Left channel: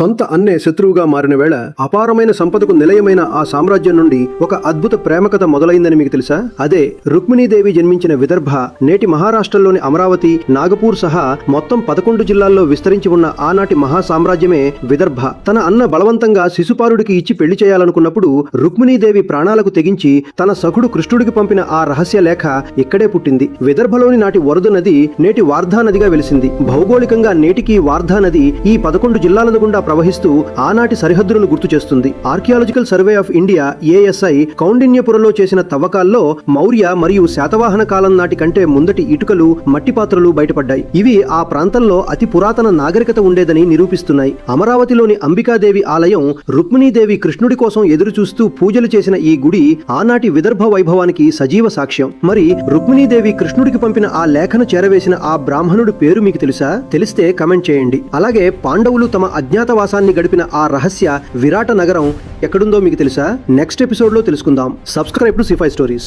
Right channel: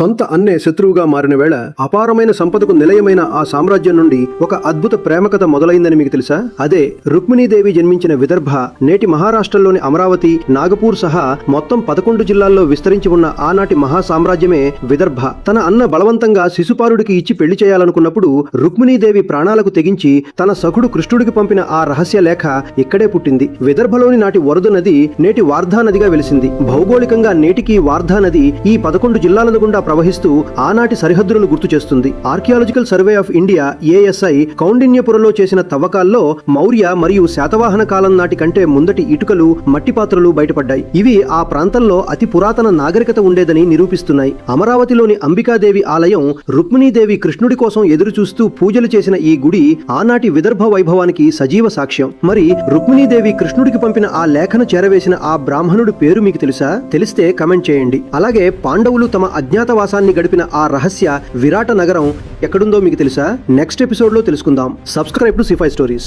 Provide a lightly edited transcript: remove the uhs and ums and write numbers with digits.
సొంత అన్నే శత్రువుగా మారిన వేళ అపారమైన సంపదకు నిలయమైన ఆ సామ్రాజ్యం నుండి ఒక అద్భుత ప్రేమ కథ మొదలైందని మీకు తెలుసా? అదే రుక్మిణీదేవి జన్మించిన విదర్భ నేటి మహారాష్ట్రలోని అమరావతి, నాగపూర్ సహా మొత్తం 11 జిల్లాల్లో విస్తరించి ఉన్న ఆనాటి మహా సామ్రాజ్యమే విదర్భ. తన అన్న బలవంతంగా శిశుపాలుడికి ఇచ్చి పెళ్లి చేయాలనుకున్నప్పుడు రుక్మిణీదేవి ప్రాణాలకు తెగించి తన సఖుడు కృష్ణుడికి పంపిన ఆ రహస్య లేఖ ఇక్కడే పుట్టింది. విదర్భలోని నాటి వరద నది నేటి వార్ధా నదిగా వెలిసింది. భౌగోళికంగా నేటికి వార్ధా నది ఈ 11 జిల్లాల గుండా ప్రవహిస్తూ ఆనాటి సరిహద్దులను గుర్తు చేస్తుంది. Archaeological survey of India ASI కౌండిన్యపురంలో చేసిన తవ్వకాల్లో మౌర్య మరియు శాతవాహన కాలం నాటి కంటే ముందటి ఇటుకలు, మట్టి పాత్రలు బయటపడ్డాయి. ఇవి ఆ ప్రాంతంలో అతి పురాతన నాగరికత ఉండేదని నిరూపిస్తున్నాయి. అమరావతిలోని అంబికాదేవి ఆలయం రుక్మిణీదేవి కృష్ణుడి కోసం ఎదురు చూస్తూ పూజలు చేసిన ఈ గుడి ఆనాటి విదర్భ వైభవానికి సజీవ సాక్ష్యం. మరి రుక్మిణీదేవి కృష్ణుడికి పంపిన ఆ లేఖను చేరవేసిన ఆ బ్రాహ్మణుడి పేరు మీకు తెలుసా? తెలిస్తే కమెంట్ చేయండి. అలాగే పాండవులు తమ అజ్ఞాతవాసాన్ని గడిపిన ఆ రహస్య విరాట నగరం ఎక్కడుందో మీకు తెలుసా? నెక్స్ట్ ఎపిసోడ్ లో తెలుసుకుందాం. Subscribe to C5 Stories.